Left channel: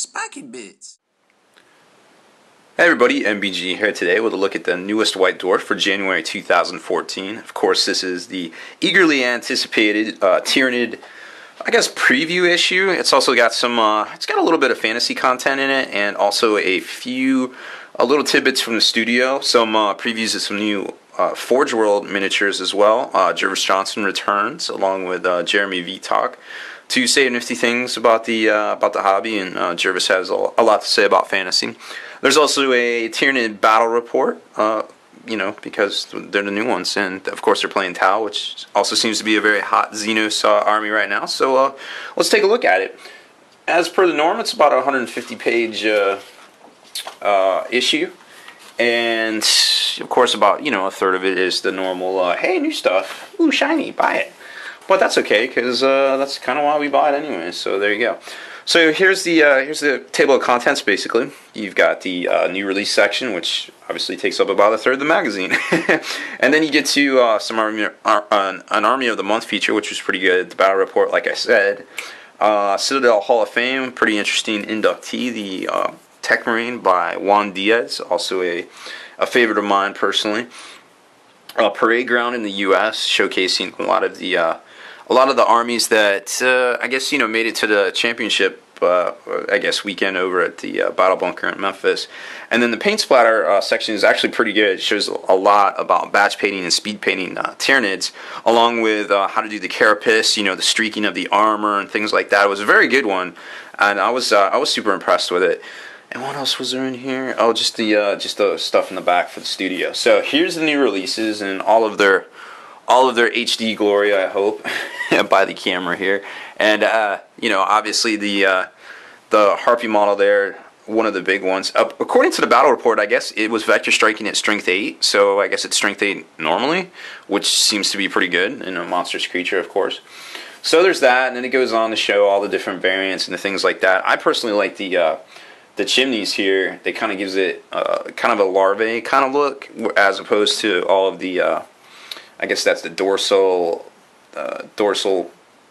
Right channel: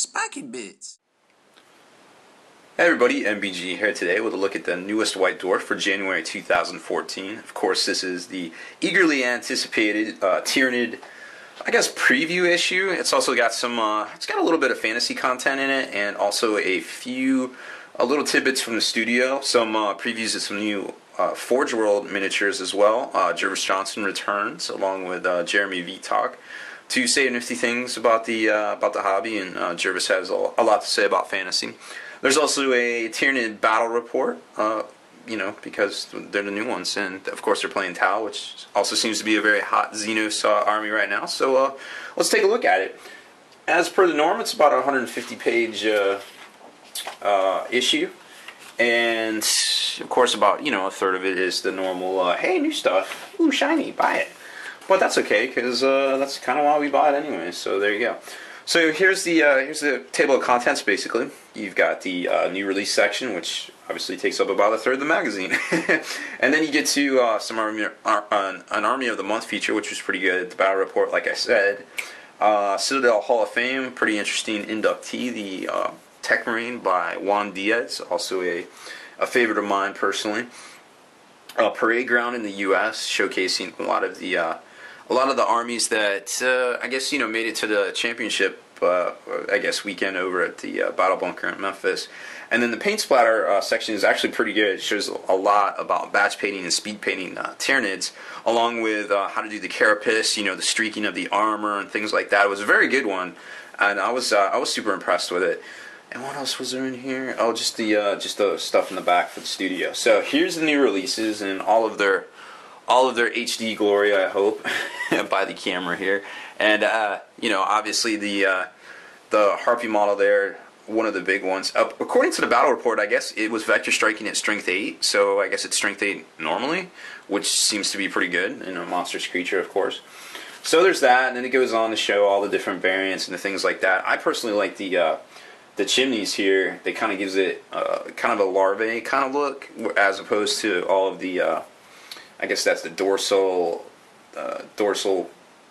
Spiky Bits. Hey everybody, MBG here today with a look at the newest White Dwarf for January 2014. Of course, this is the eagerly anticipated Tyranid, I guess, preview issue. It's also got some, it's got a little bit of fantasy content in it, and also a few little tidbits from the studio. Some previews of some new Forge World miniatures as well. Jervis Johnson returns along with Jeremy Vitok to say nifty things about the hobby, and Jervis has a lot to say about fantasy. There's also a Tyranid battle report, because they're the new ones, and of course they're playing Tau, which also seems to be a very hot Xenos army right now. So let's take a look at it. As per the norm, it's about a 150-page issue, and of course about a third of it is the normal, hey, new stuff, ooh, shiny, buy it. But that's okay, because that's kind of why we buy it anyway. So there you go. So here's the table of contents. Basically, you've got the new release section, which obviously takes up about a third of the magazine, and then you get to an Army of the Month feature, which was pretty good. The battle report, like I said, Citadel Hall of Fame, pretty interesting inductee, the Tech Marine by Juan Diaz, also a favorite of mine personally. Parade ground in the U.S., showcasing a lot of the armies that I guess made it to the championship weekend over at the Battle Bunker in Memphis. And then the paint splatter section is actually pretty good. It shows a lot about batch painting and speed painting Tyranids, along with how to do the carapace, the streaking of the armor and things like that. It was a very good one, and I was super impressed with it. And what else was there in here? Oh, just the stuff in the back for the studio. So here's the new releases and all of their HD glory, I hope, by the camera here. And obviously the Harpy model there, one of the big ones. According to the battle report, I guess it was vector striking at strength 8, so I guess it's strength 8 normally, which seems to be pretty good in a monstrous creature, of course. So there's that, and then it goes on to show all the different variants and the things like that. I personally like the chimneys here. They kind of gives it kind of a larvae kind of look, as opposed to all of the I guess that's the dorsal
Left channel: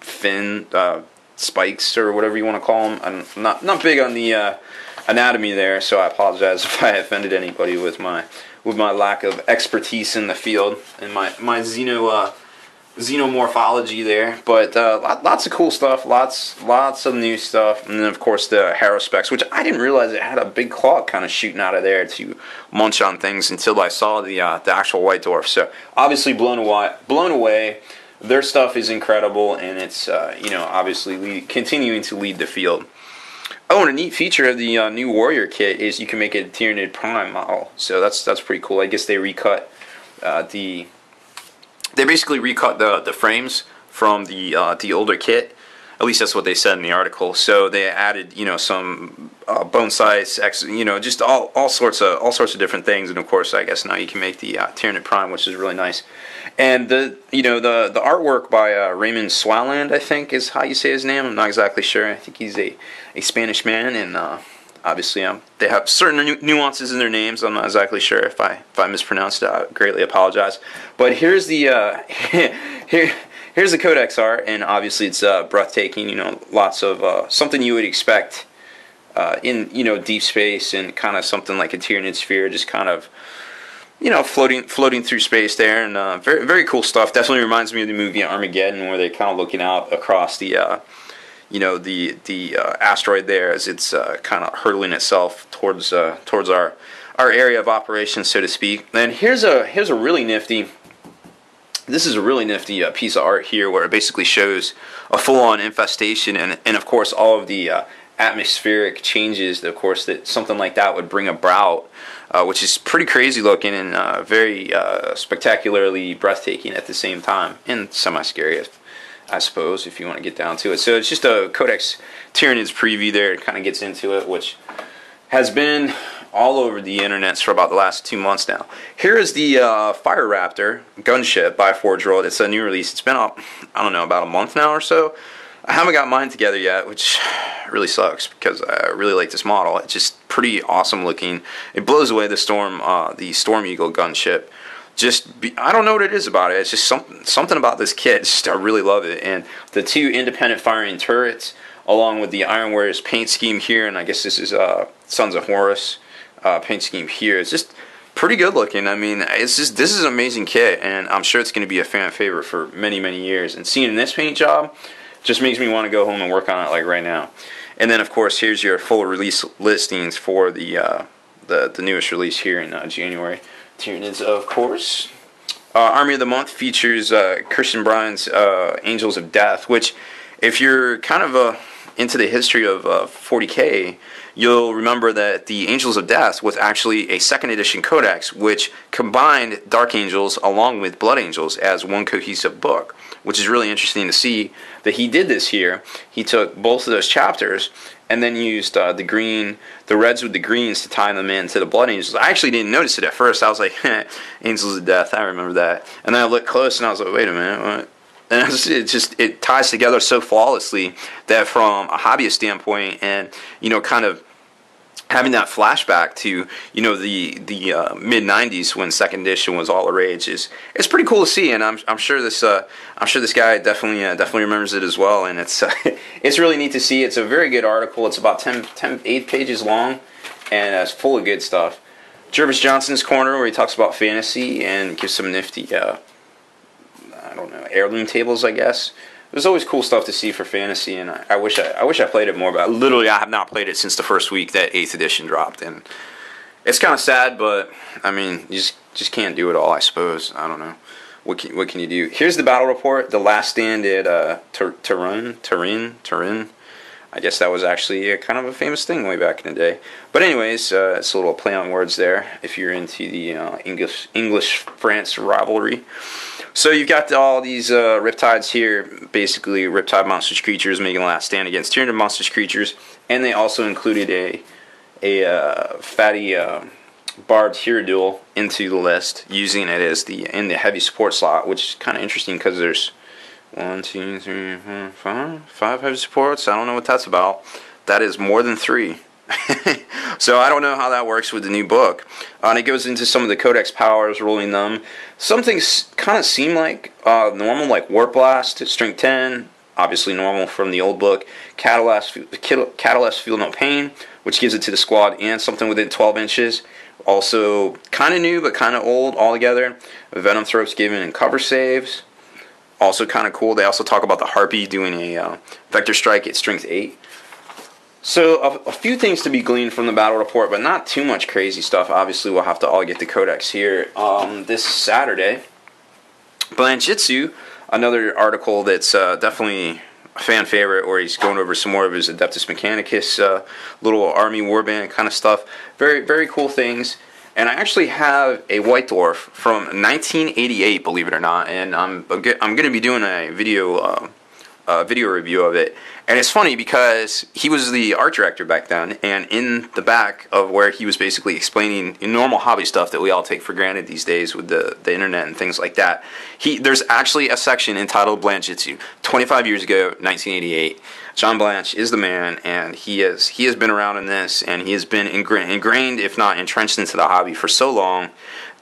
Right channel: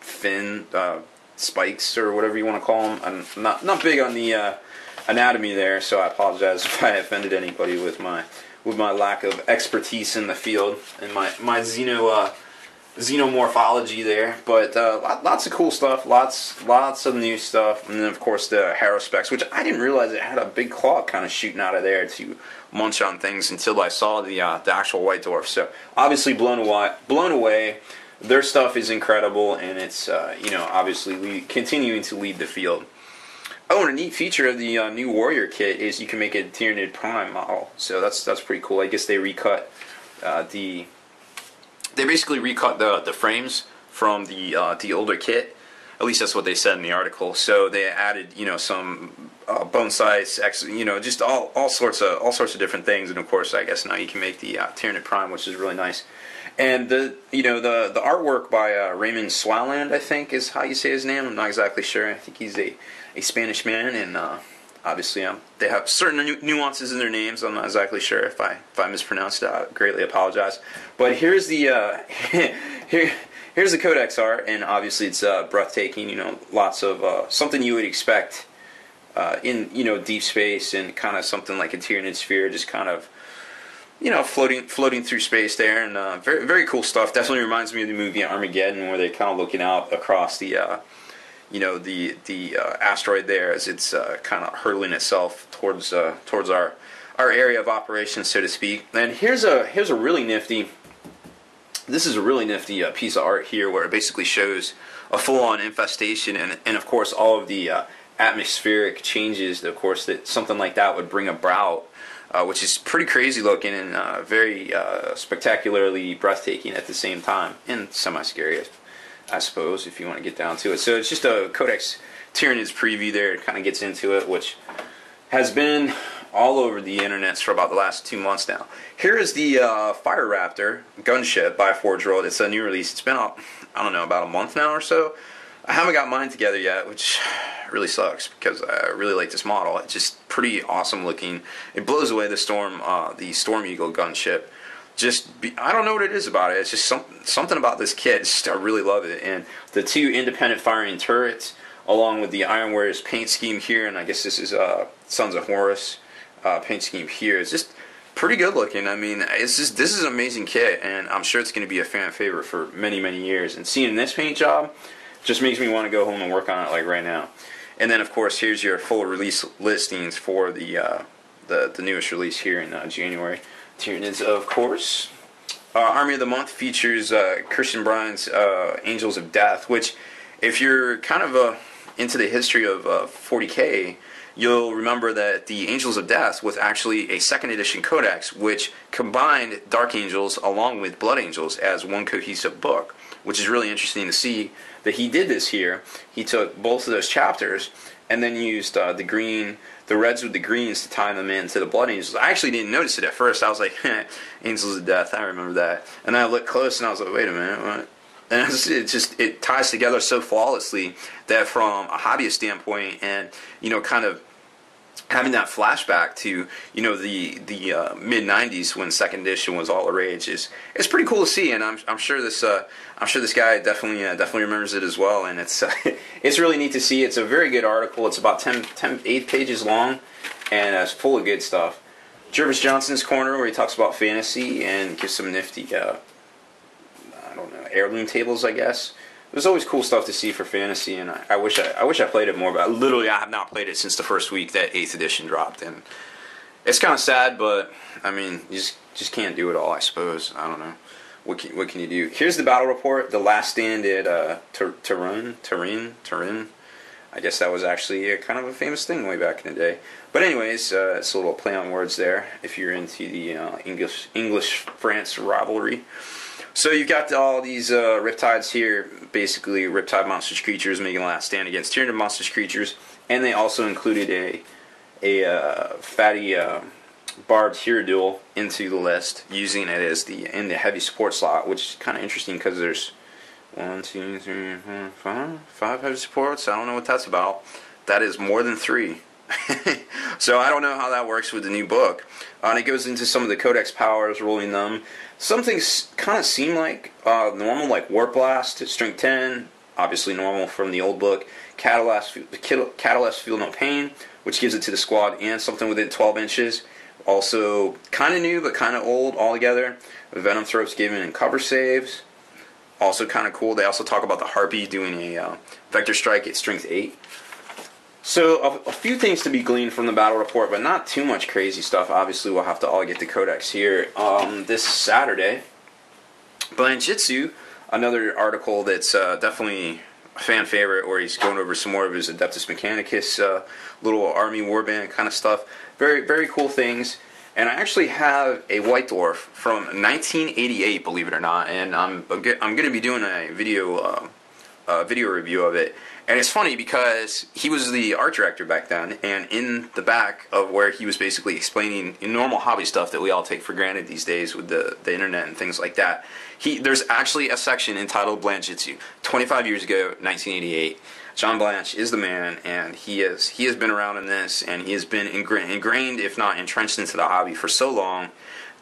fin spikes, or whatever you want to call them. I'm not big on the anatomy there, so I apologize if I offended anybody with my lack of expertise in the field and my xenomorphology there. But lots of cool stuff, lots of new stuff, and then of course the Harrow specs, which I didn't realize it had a big claw kind of shooting out of there to munch on things until I saw the actual White Dwarf. So obviously blown away. Their stuff is incredible, and it's obviously continuing to lead the field. Oh, and a neat feature of the new Warrior kit is you can make a Tyranid Prime model. So that's pretty cool. I guess they recut They basically recut the frames from the older kit. At least that's what they said in the article. So they added some bone size, just all sorts of different things. And of course, I guess now you can make the Tyranid Prime, which is really nice. And the artwork by Raymond Swaland, I think is how you say his name. I'm not exactly sure. I think he's a Spanish man, and obviously they have certain nuances in their names. I'm not exactly sure if I mispronounced it. I greatly apologize. But here's the here's the Codex art, and obviously it's breathtaking. Lots of something you would expect in deep space, and kind of something like a Tyranid sphere, just kind of floating through space there, and very very cool stuff. Definitely reminds me of the movie Armageddon, where they're kind of looking out across the the asteroid there as it's kind of hurtling itself towards our area of operations, so to speak. And here's a really nifty. This is a really nifty piece of art here, where it basically shows a full-on infestation, and of course all of the atmospheric changes, of course, that something like that would bring about, which is pretty crazy looking and very spectacularly breathtaking at the same time, and semi-scary, I suppose, if you want to get down to it. So it's just a Codex Tyranids preview there. It kind of gets into it, which has been all over the internets for about the last 2 months now. Here is the Fire Raptor gunship by Forge World. It's a new release. It's been out, I don't know, about a month now or so. I haven't got mine together yet, which really sucks, because I really like this model. It's just pretty awesome looking. It blows away the Storm Eagle gunship. I don't know what it is about it. It's just something about this kit. I really love it. And the two independent firing turrets along with the Iron Warriors paint scheme here, and I guess this is Sons of Horus paint scheme here. It's just pretty good looking. I mean, this is an amazing kit, and I'm sure it's going to be a fan favorite for many, many years. And seeing this paint job just makes me want to go home and work on it like right now. And then, of course, here's your full release listings for the newest release here in January. Tyranids, of course. Army of the Month features Christian Bryan's Angels of Death, which, if you're kind of into the history of 40k, you'll remember that the Angels of Death was actually a second edition codex, which combined Dark Angels along with Blood Angels as one cohesive book, which is really interesting to see that he did this here. He took both of those chapters and then used the reds with the greens to tie them into the Blood Angels. I actually didn't notice it at first. I was like, Angels of Death, I remember that. And then I looked close and I was like, wait a minute, what? And it ties together so flawlessly that from a hobbyist standpoint, and kind of having that flashback to the mid '90s when second edition was all the rage it's pretty cool to see, and I'm sure this guy definitely remembers it as well, and it's it's really neat to see. It's a very good article. It's about 8 pages long, and it's full of good stuff. Jervis Johnson's corner, where he talks about fantasy and gives some nifty I don't know, heirloom tables, I guess. There's always cool stuff to see for fantasy, and I wish I played it more, but I have not played it since the first week that 8th edition dropped, and it's kind of sad, but I mean, you just can't do it all, I suppose. I don't know. What can you do? Here's the battle report. The last stand at Turin. I guess that was actually kind of a famous thing way back in the day. But anyways, it's a little play on words there if you're into the English-France rivalry. So you've got all these Riptides here, basically Riptide monstrous creatures making a last stand against Tyranid monstrous creatures, and they also included a fatty barbed Hierodule into the list, using it as in the heavy support slot, which is kind of interesting because there's 1, 2, 3, 4, 5 heavy supports. I don't know what that's about. That is more than 3. So I don't know how that works with the new book. And it goes into some of the codex powers, rolling them. Some things kind of seem like normal, like Warp Blast, Strength 10, obviously normal from the old book. Catalyst, Feel No Pain, which gives it to the squad, and something within 12 inches. Also kind of new, but kind of old altogether. Venom Throats given in cover saves. Also kind of cool. They also talk about the Harpy doing a Vector Strike at Strength 8. So a few things to be gleaned from the battle report, but not too much crazy stuff. Obviously, we'll have to all get the codex here this Saturday. Blanchitsu, another article that's definitely a fan favorite, where he's going over some more of his Adeptus Mechanicus, little army warband kind of stuff. Very, very cool things. And I actually have a White Dwarf from 1988, believe it or not, and I'm going to be doing a video review of it. And it's funny because he was the art director back then, and in the back of where he was basically explaining normal hobby stuff that we all take for granted these days with the internet and things like that, there's actually a section entitled Blanchitsu. 25 years ago, 1988, John Blanche is the man, and he has been around in this, and he has been ingrained, if not entrenched into the hobby for so long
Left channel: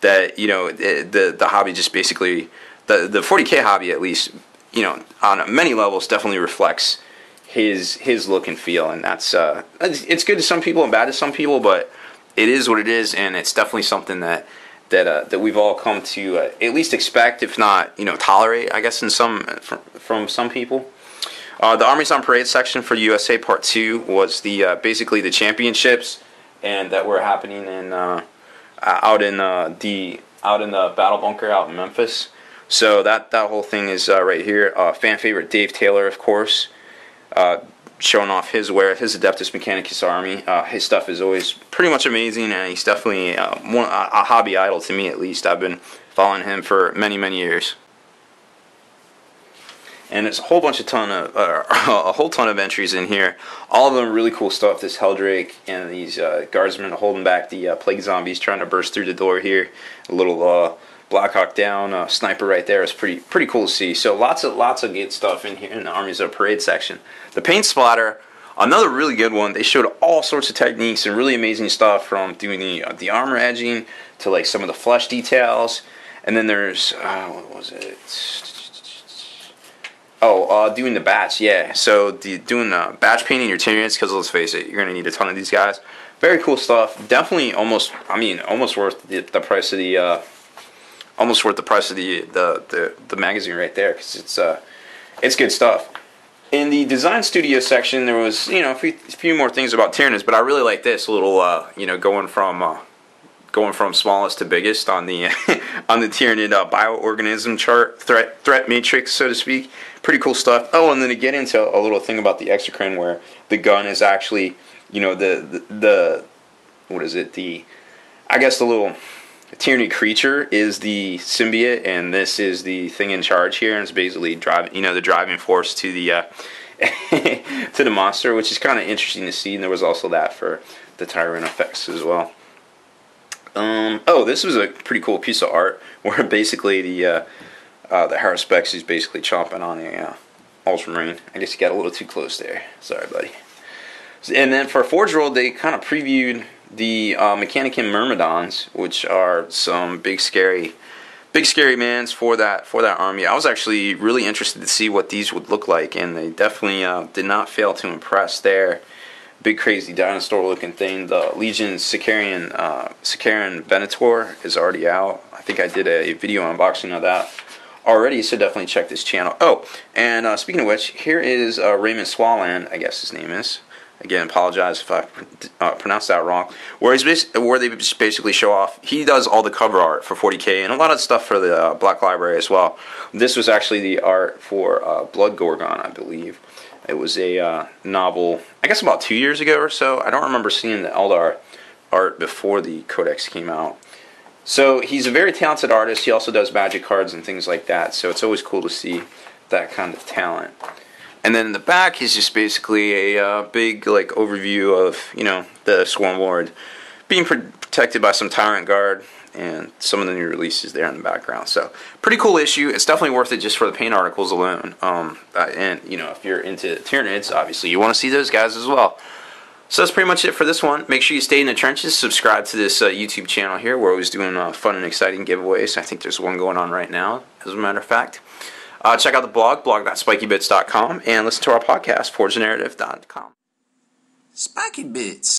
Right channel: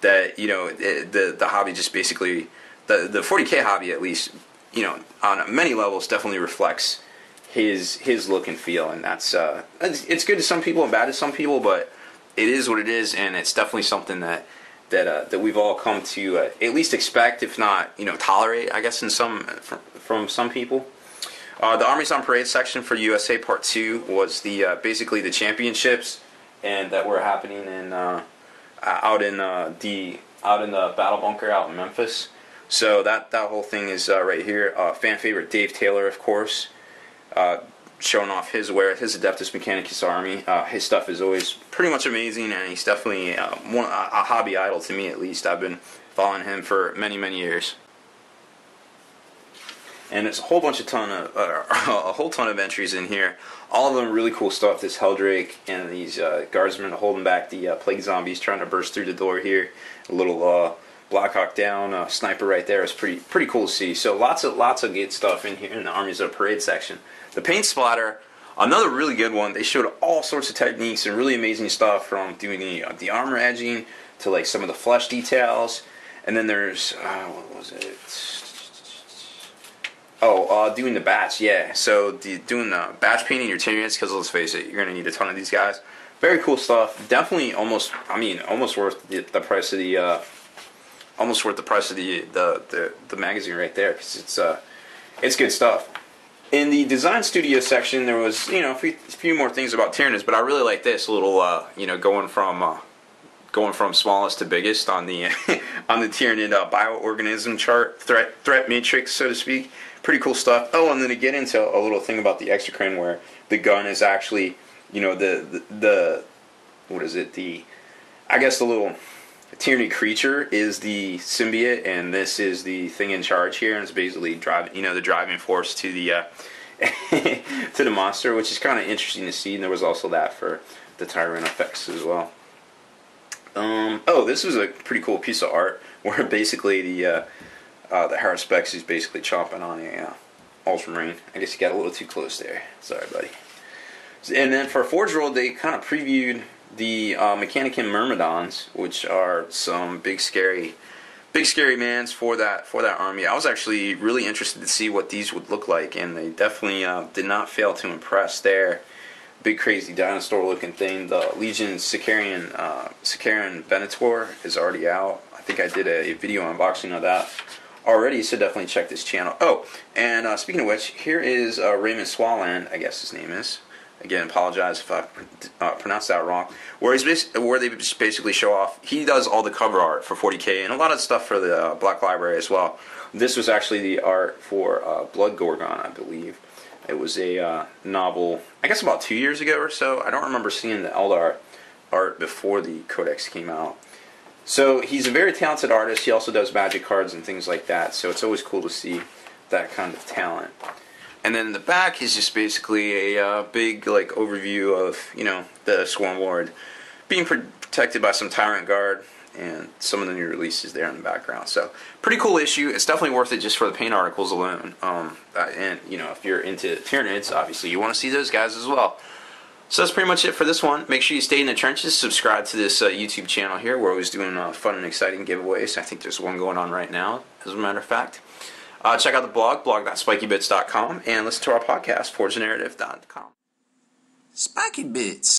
that, the hobby just basically, the 40k hobby at least, on many levels definitely reflects his look and feel, and that's it's good to some people and bad to some people, but it is what it is, and it's definitely something that we've all come to at least expect, if not tolerate, I guess, in from some people. The Armies on Parade section for USA Part 2 was the basically the championships, and that were happening in out in the battle bunker out in Memphis. So that whole thing is right here. Fan favorite Dave Taylor, of course. Showing off his Adeptus Mechanicus army. His stuff is always pretty much amazing, and he's definitely a hobby idol to me, at least. I've been following him for many, many years. And there's a whole ton of entries in here. All of them really cool stuff. This Helldrake and these guardsmen holding back the plague zombies trying to burst through the door here. A little Blackhawk down sniper right there is pretty cool to see. So lots of good stuff in here in the Armies of Parade section. The paint splatter, another really good one. They showed all sorts of techniques and really amazing stuff, from doing the armor edging to like some of the flesh details. And then there's what was it? Doing the batch, yeah. So doing the batch painting your Tyranids, because let's face it, you're gonna need a ton of these guys. Very cool stuff. Definitely, almost worth the price of the, almost worth the price of the magazine right there, because it's good stuff. In the design studio section, there was a few more things about Tyranids, but I really like this little going from smallest to biggest on the on the Tyranid bioorganism chart threat matrix, so to speak. Pretty cool stuff. Oh, and then to get into a little thing about the exocrine, where the gun is actually the what is it, I guess the little Tyranid creature is the symbiote, and this is the thing in charge here, and it's basically the driving force to the to the monster, which is kind of interesting to see. And there was also that for the Tyrant effects as well. This was a pretty cool piece of art where basically the Haruspex is basically chomping on a Ultramarine. I guess you got a little too close there. Sorry, buddy. And then for Forge World, they kind of previewed the Mechanicum Myrmidons, which are some big scary mans for that army. I was actually really interested to see what these would look like, and they definitely did not fail to impress there. Big crazy dinosaur looking thing. The Legion Sicarian Venator is already out. I think I did a video unboxing of that already, so definitely check this channel. Oh, and speaking of which, here is Raymond Swalland, I guess his name is. Again, apologize if I pronounced that wrong. Where they just basically show off. He does all the cover art for 40k and a lot of stuff for the Black Library as well. This was actually the art for Blood Gorgon, I believe. It was a novel, I guess about 2 years ago or so. I don't remember seeing the Eldar art before the Codex came out. So he's a very talented artist. He also does magic cards and things like that. So it's always cool to see that kind of talent. And then in the back is just basically a big overview of the Swarm Lord being protected by some Tyrant Guard and some of the new releases there in the background. So pretty cool issue. It's definitely worth it just for the paint articles alone. And if you're into Tyranids, obviously you want to see those guys as well. So that's pretty much it for this one. Make sure you stay in the trenches. Subscribe to this YouTube channel here. We're always doing fun and exciting giveaways. I think there's one going on right now, as a matter of fact. Check out the blog.spikybits.com, and listen to our podcast, forgethenarrative.com. Spiky Bits.